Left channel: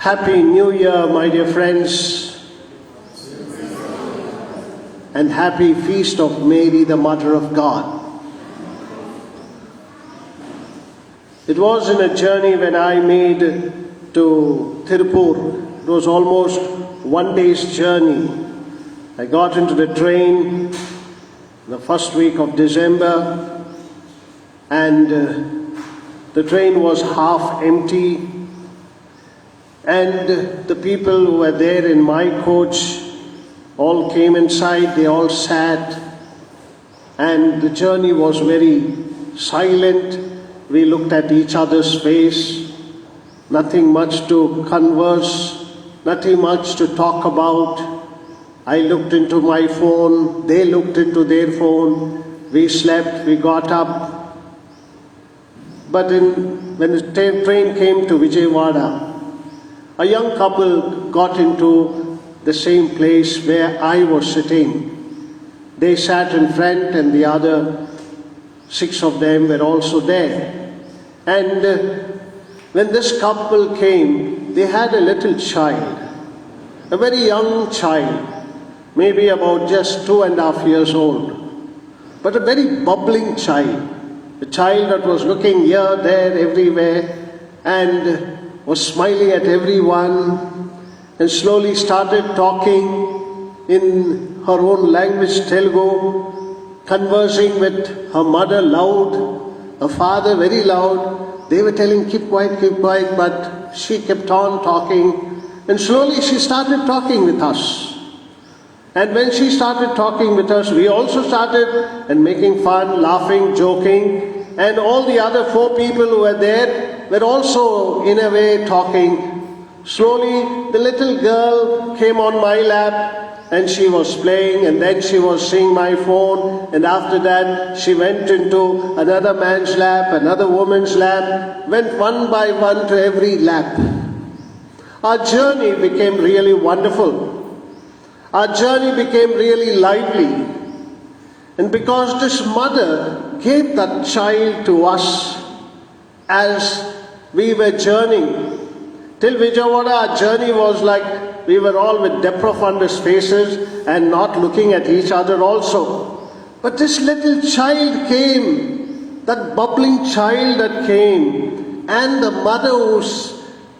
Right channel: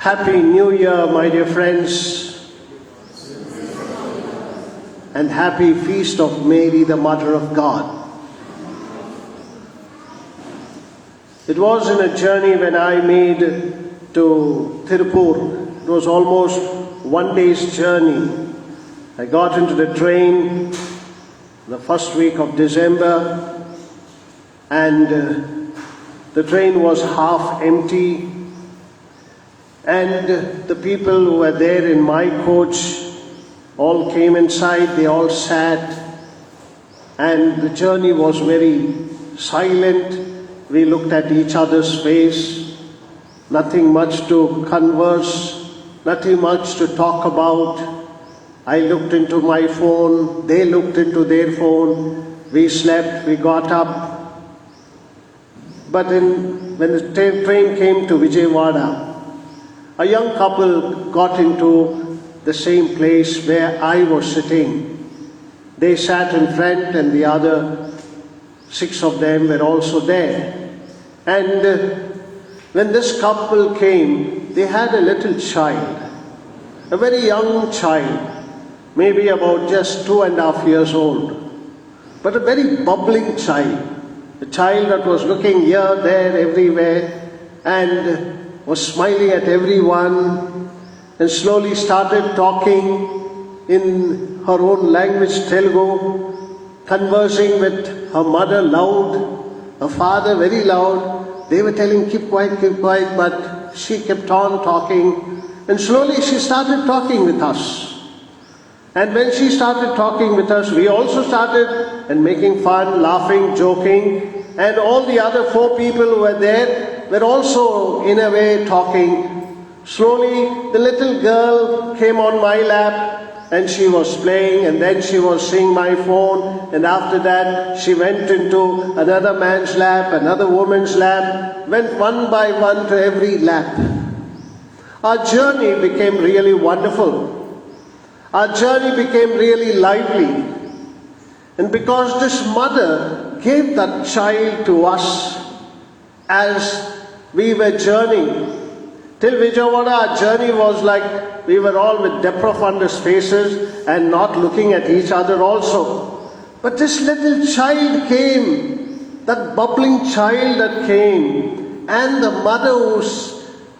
Happy New Year, my dear friends, and happy feast of Mary, the Mother of God. It was in a journey when I made to Tirupur. It was almost one day's journey. I got into the train the first week of December, and the train was half empty, and the people who were there in my coach all came inside, they all sat, and the journey was very silent. We looked at each other's face, nothing much to converse, nothing much to talk about. I looked into my phone, they looked into their phone, we slept, we got up. But when the train came to Vijayawada, a young couple got into the same place where I was sitting. They sat in front and the other 6 of them were also there. And when this couple came, they had a little child, a very young child, maybe about just 2.5 years old, but a very bubbling child, a child that was looking here, there, everywhere, and was smiling at everyone, and slowly started talking in her own language, Telugu, conversing with her mother loud, her father very loud. They were telling, keep quiet, but she kept on talking, and slowly she started talking with us. And when she started talking with us, we also started and making fun, laughing, joking, and all the other 4 people who were there were also in a way talking. Slowly the little girl came on my lap and she was playing, and then she was seeing my phone, and after that she went into another man's lap, another woman's lap, went one by one to every lap. Our journey became really wonderful. Our journey became really lively. And because this mother gave that child to us as we were journeying, till Vijayawada, our journey was like we were all with depth of under's faces and not looking at each other also. But this little child came, that bubbling child that came, and the mother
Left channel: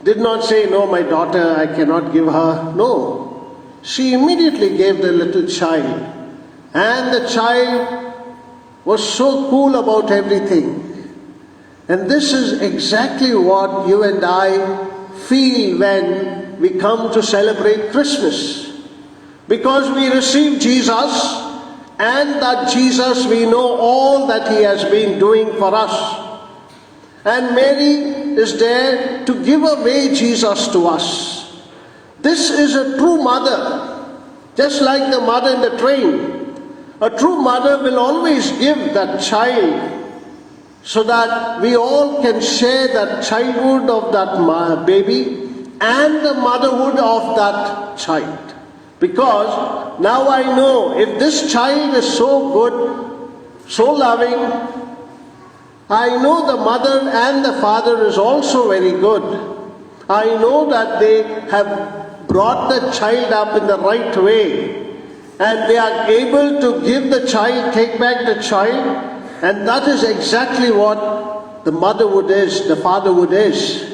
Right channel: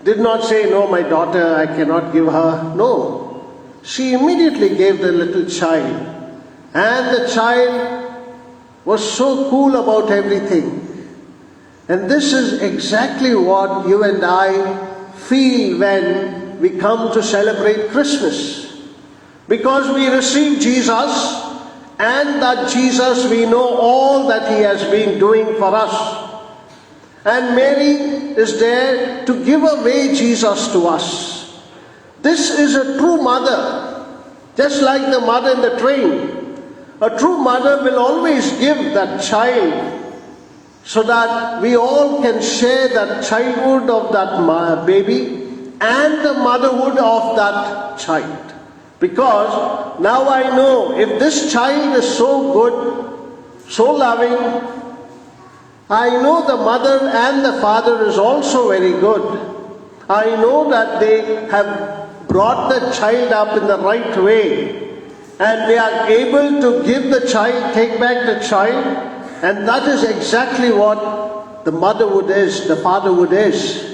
did not say, no, my daughter, I cannot give her. No. She immediately gave the little child, and the child was so cool about everything. And this is exactly what you and I feel when we come to celebrate Christmas. Because we receive Jesus, and that Jesus, we know all that He has been doing for us. And Mary is there to give away Jesus to us. This is a true mother, just like the mother in the train. A true mother will always give that child so that we all can share that childhood of that baby and the motherhood of that child. Because now I know if this child is so good, so loving, I know the mother and the father is also very good. I know that they have brought the child up in the right way, and they are able to give the child, take back the child, and that is exactly what the motherhood is, the fatherhood is.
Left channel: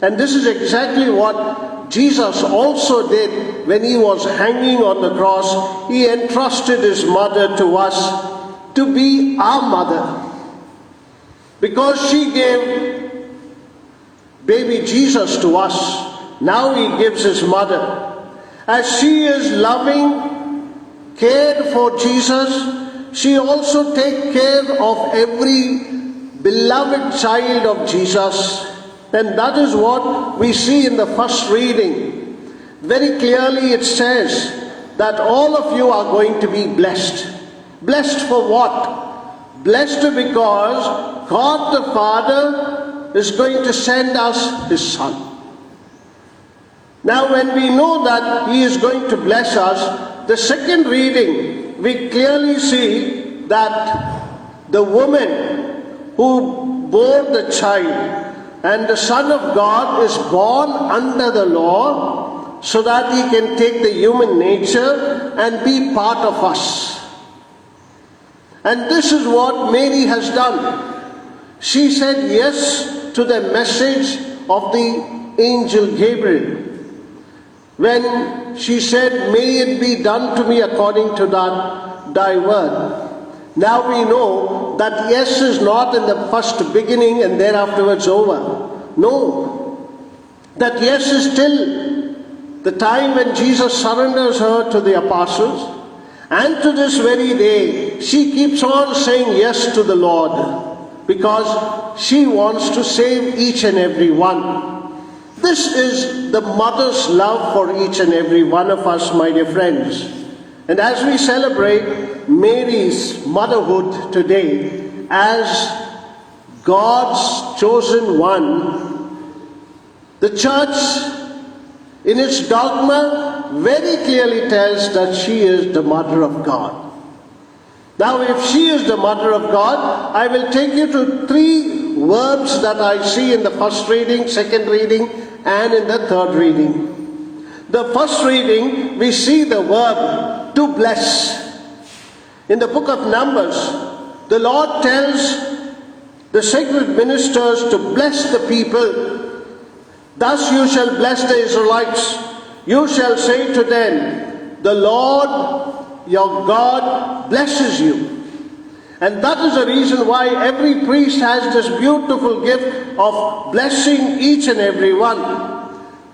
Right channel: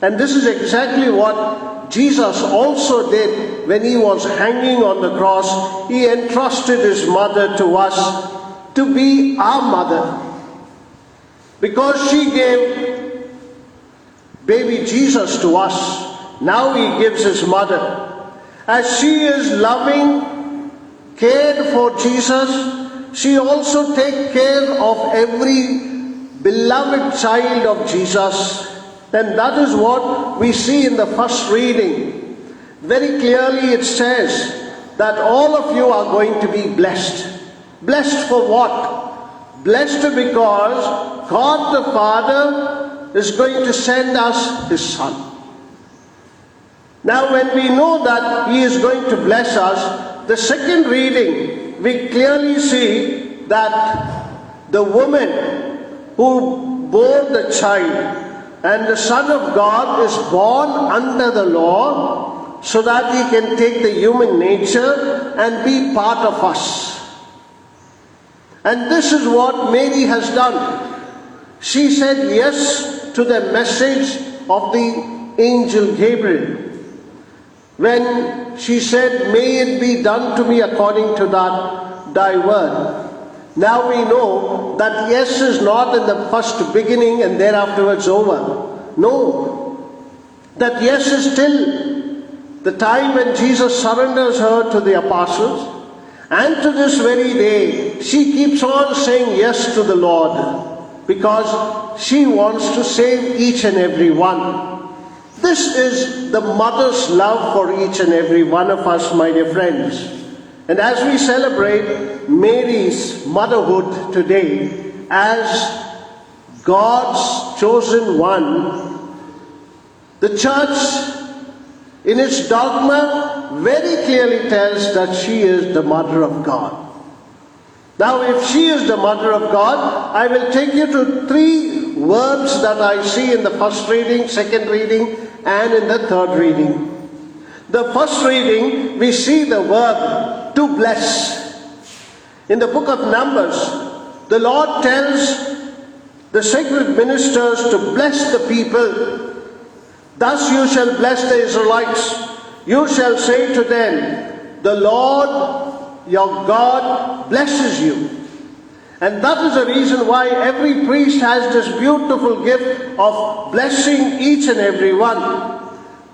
And this is exactly what Jesus also did when He was hanging on the cross. He entrusted His mother to us to be our mother, because she gave baby Jesus to us. Now He gives His mother. As she is loving, cared for Jesus, she also takes care of every beloved child of Jesus. And that is what we see in the first reading. Very clearly it says that all of you are going to be blessed. Blessed for what? Blessed because God the Father is going to send us His Son. Now when we know that He is going to bless us, the second reading, we clearly see that the woman who bore the child, And the Son of God is born under the law so that he can take the human nature and be part of us. And this is what Mary has done. She said yes to the message of the angel Gabriel. When she said, "May it be done to me according to thy word." Now we know that yes is not in the first beginning and thereafter it's over. No. That yes is till the time when Jesus surrenders her to the apostles. And to this very day, she keeps on saying yes to the Lord because she wants to save each and every one. This is the mother's love for each and every one of us, my dear friends. And as we celebrate Mary's motherhood today as God's chosen one, the church in its dogma very clearly tells that she is the mother of God. Now, if she is the mother of God, I will take you to three verbs that I see in the first reading, second reading, and in the third reading. The first reading, we see the verb to bless. In the book of Numbers, the Lord tells the sacred ministers to bless the people. Thus you shall bless the Israelites. You shall say to them, "The Lord your God blesses you." And that is the reason why every priest has this beautiful gift of blessing each and every one.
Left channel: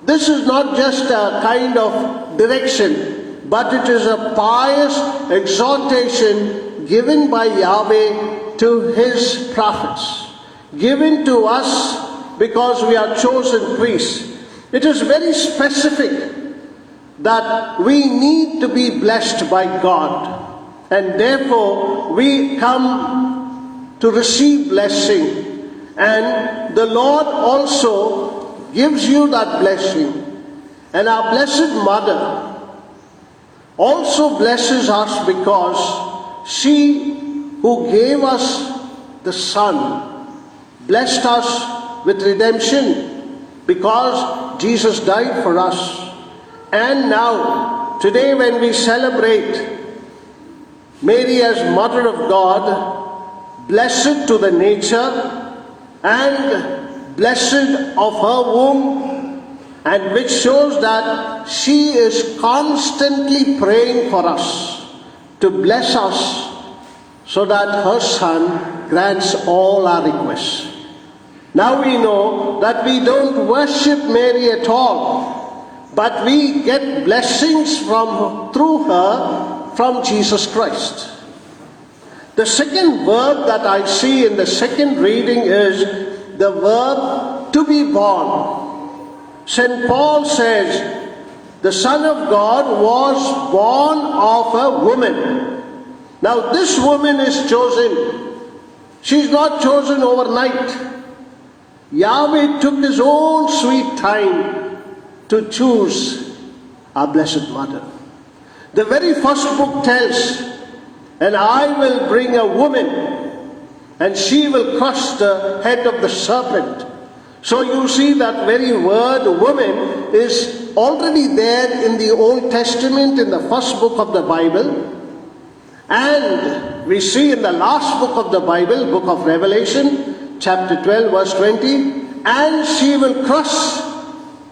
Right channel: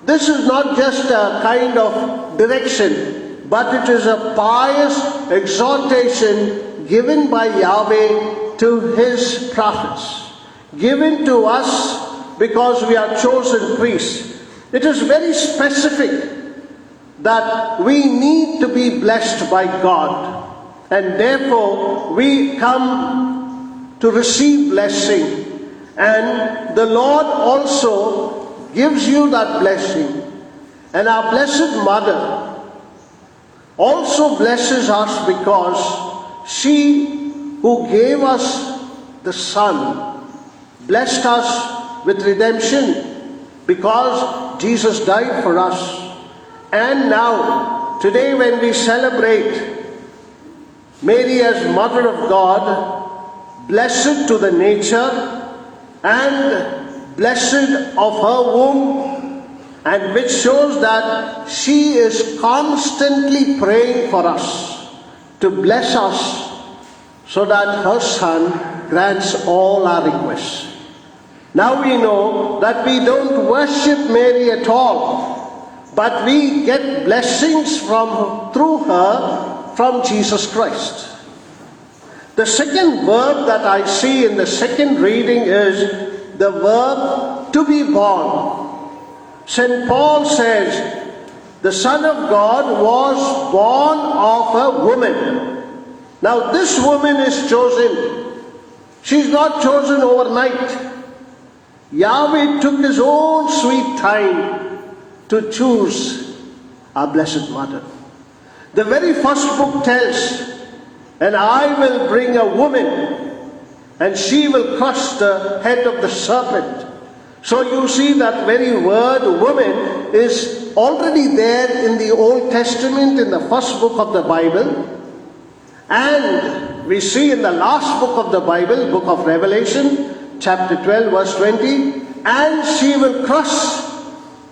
This is not just a kind of direction, but it is a pious exhortation given by Yahweh to his prophets, given to us because we are chosen priests. It is very specific that we need to be blessed by God. And therefore, we come to receive blessing. And the Lord also gives you that blessing. And our Blessed Mother also blesses us because she who gave us the Son blessed us with redemption because Jesus died for us. And now, today when we celebrate Mary as Mother of God, blessed to the nature and blessed of her womb, and which shows that she is constantly praying for us to bless us so that her Son grants all our requests. Now we know that we don't worship Mary at all, but we get blessings through her from Jesus Christ. The second verb that I see in the second reading is the verb to be born. St. Paul says, the Son of God was born of a woman. Now this woman is chosen. She's not chosen overnight. Yahweh took his own sweet time to choose our Blessed Mother. The very first book tells, "And I will bring a woman, and she will crush the head of the serpent." So you see that very word woman is already there in the Old Testament, in the first book of the Bible. And we see in the last book of the Bible, book of Revelation, chapter 12, verse 20, "And she will crush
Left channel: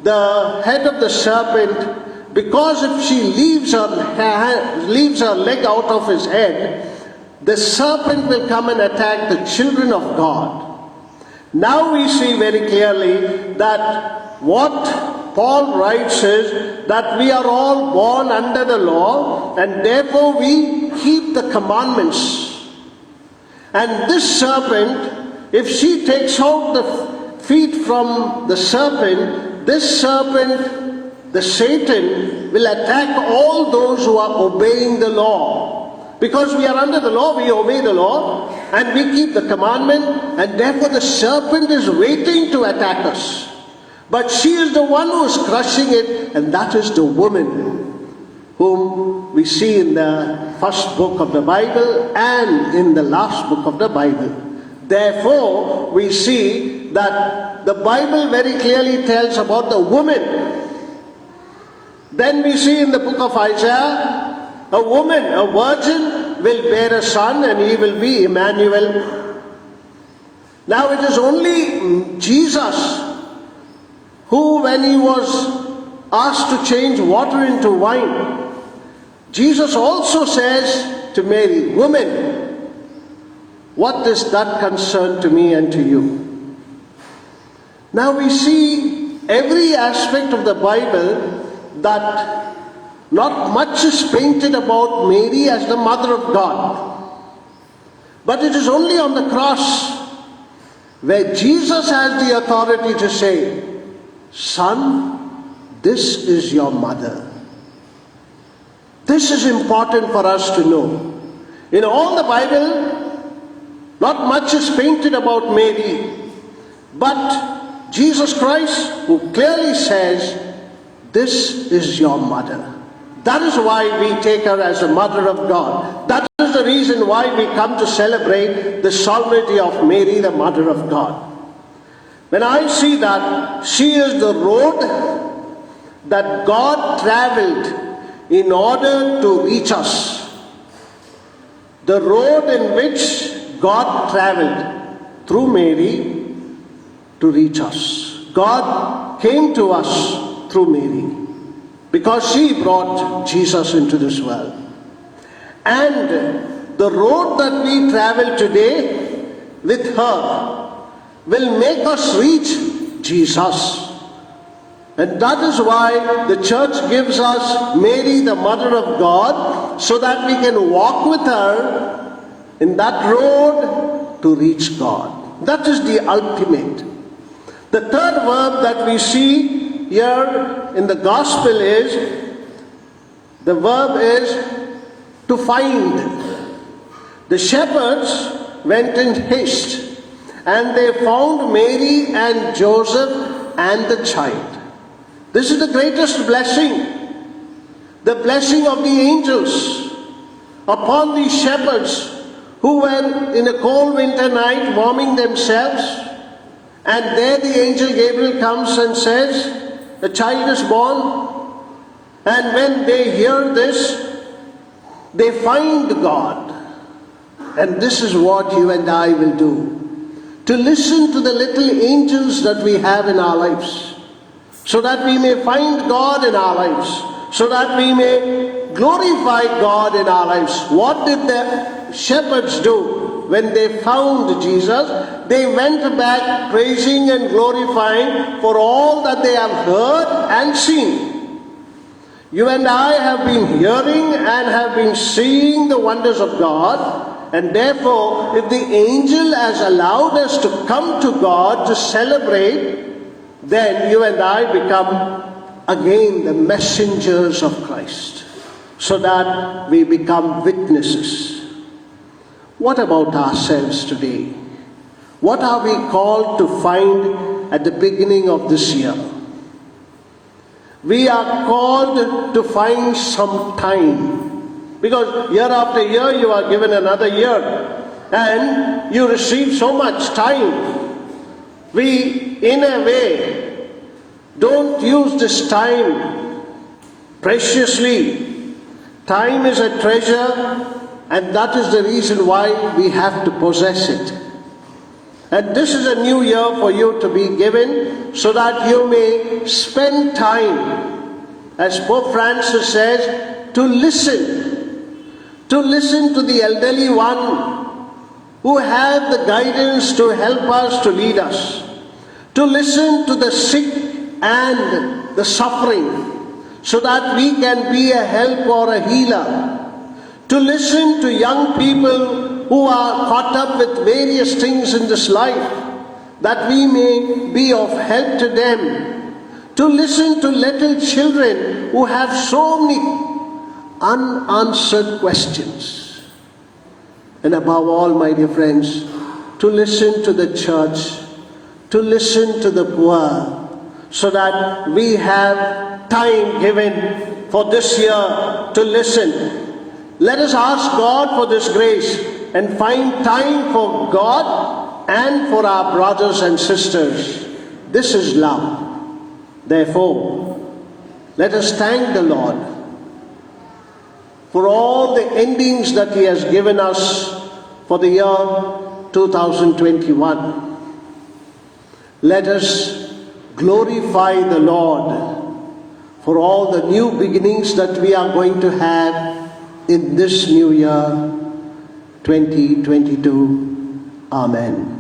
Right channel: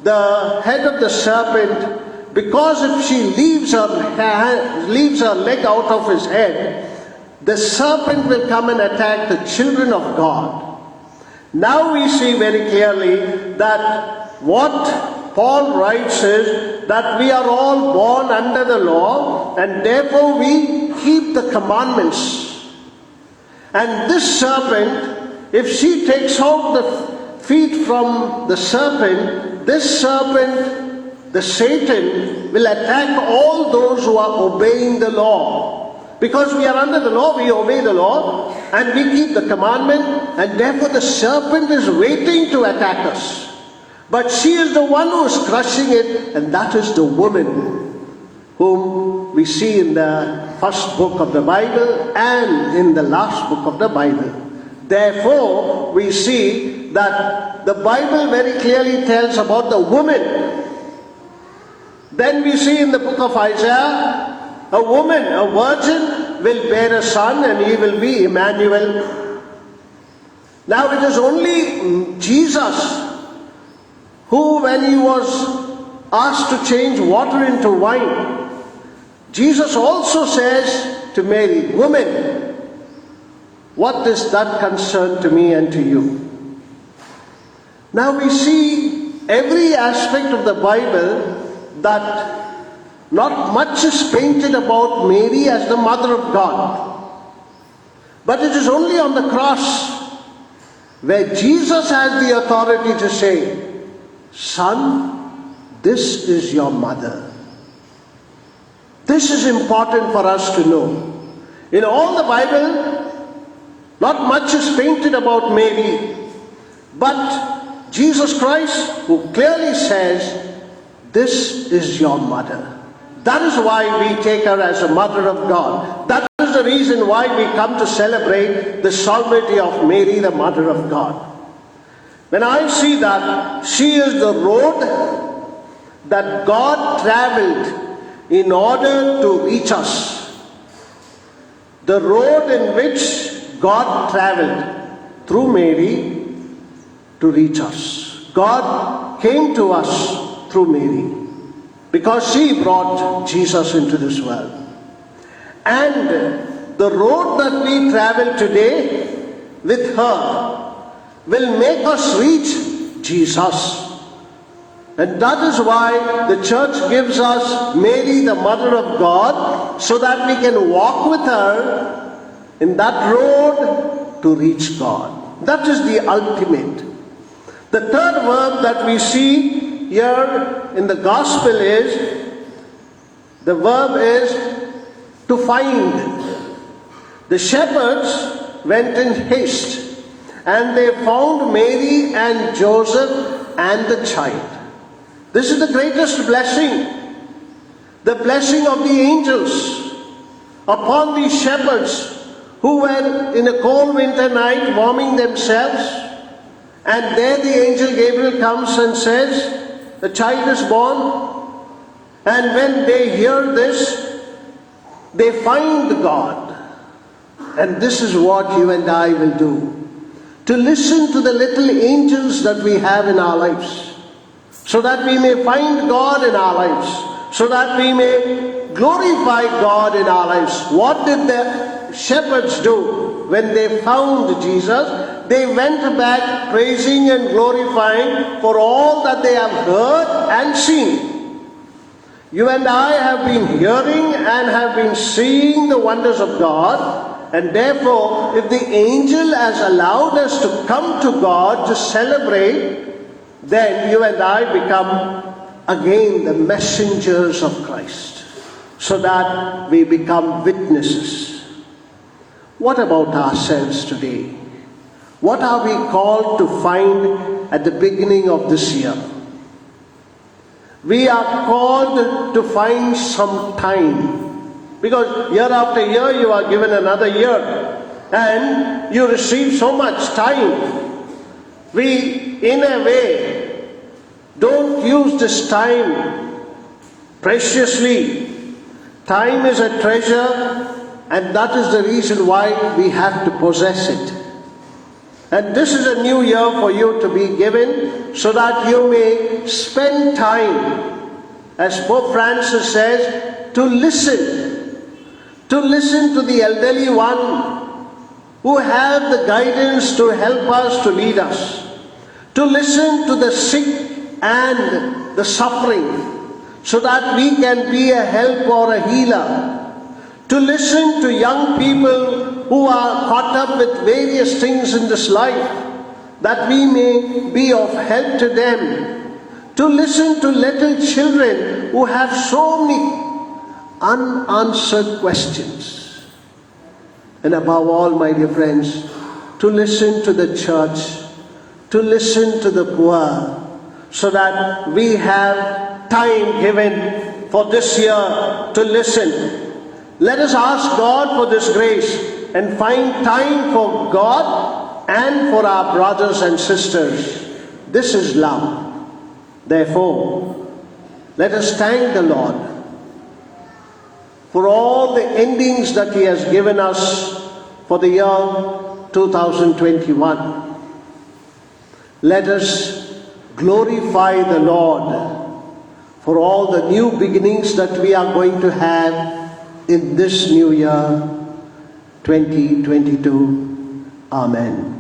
the head of the serpent, because if she leaves her leg out of his head, the serpent will come and attack the children of God." Now we see very clearly that what Paul writes is that we are all born under the law, and therefore we keep the commandments. And this serpent, if she takes out the feet from the serpent, this serpent, the Satan, will attack all those who are obeying the law. Because we are under the law, we obey the law, and we keep the commandment, and therefore the serpent is waiting to attack us. But she is the one who is crushing it, and that is the woman whom we see in the first book of the Bible and in the last book of the Bible. Therefore, we see that the Bible very clearly tells about the woman. Then we see in the book of Isaiah, a woman, a virgin, will bear a son and he will be Emmanuel. Now it is only Jesus who, when he was asked to change water into wine, Jesus also says to Mary, "Woman, what is that concern to me and to you?" Now we see every aspect of the Bible that not much is painted about Mary as the mother of God. But it is only on the cross where Jesus has the authority to say, "Son, this is your mother." This is important for us to know. In all the Bible, not much is painted about Mary, but Jesus Christ, who clearly says, "This is your mother." That is why we take her as a mother of God. That is the reason why we come to celebrate the solemnity of Mary, the mother of God. When I see that she is the road that God traveled in order to reach us, the road in which God traveled through Mary to reach us. God came to us through Mary because she brought Jesus into this world. And the road that we travel today with her will make us reach Jesus. And that is why the church gives us Mary, the mother of God, so that we can walk with her in that road to reach God. That is the ultimate. The third verb that we see here in the gospel is, the verb is to find. The shepherds went in haste and they found Mary and Joseph and the child. This is the greatest blessing, the blessing of the angels upon these shepherds who were in a cold winter night warming themselves, and there the angel Gabriel comes and says, "The child is born." And when they hear this, they find God. And this is what you and I will do. To listen to the little angels that we have in our lives, so that we may find God in our lives, so that we may glorify God in our lives. What did the shepherds do when they found Jesus? They went back praising and glorifying for all that they have heard and seen. You and I have been hearing and have been seeing the wonders of God, and therefore, if the angel has allowed us to come to God to celebrate, then you and I become again the messengers of Christ, so that we become witnesses. What about ourselves today? What are we called to find at the beginning of this year? We are called to find some time, because year after year you are given another year and you receive so much time. We, in a way, don't use this time preciously. Time is a treasure, and that is the reason why we have to possess it. And this is a new year for you to be given, so that you may spend time, as Pope Francis says, to listen to the elderly one who have the guidance to help us, to lead us, to listen to the sick and the suffering, so that we can be a help or a healer, to listen to young people who are caught up with various things in this life, that we may be of help to them, to listen to little children who have so many unanswered questions, and above all, my dear friends, to listen to the church, to listen to the poor, so that we have time given for this year to listen. Let us ask God for this grace and find time for God for our brothers and sisters. This is love. Therefore, let us thank the Lord for all the endings that He has given us for the year 2021. Let us glorify the Lord for all the new beginnings that we are going to have in this new year 2022. Amen.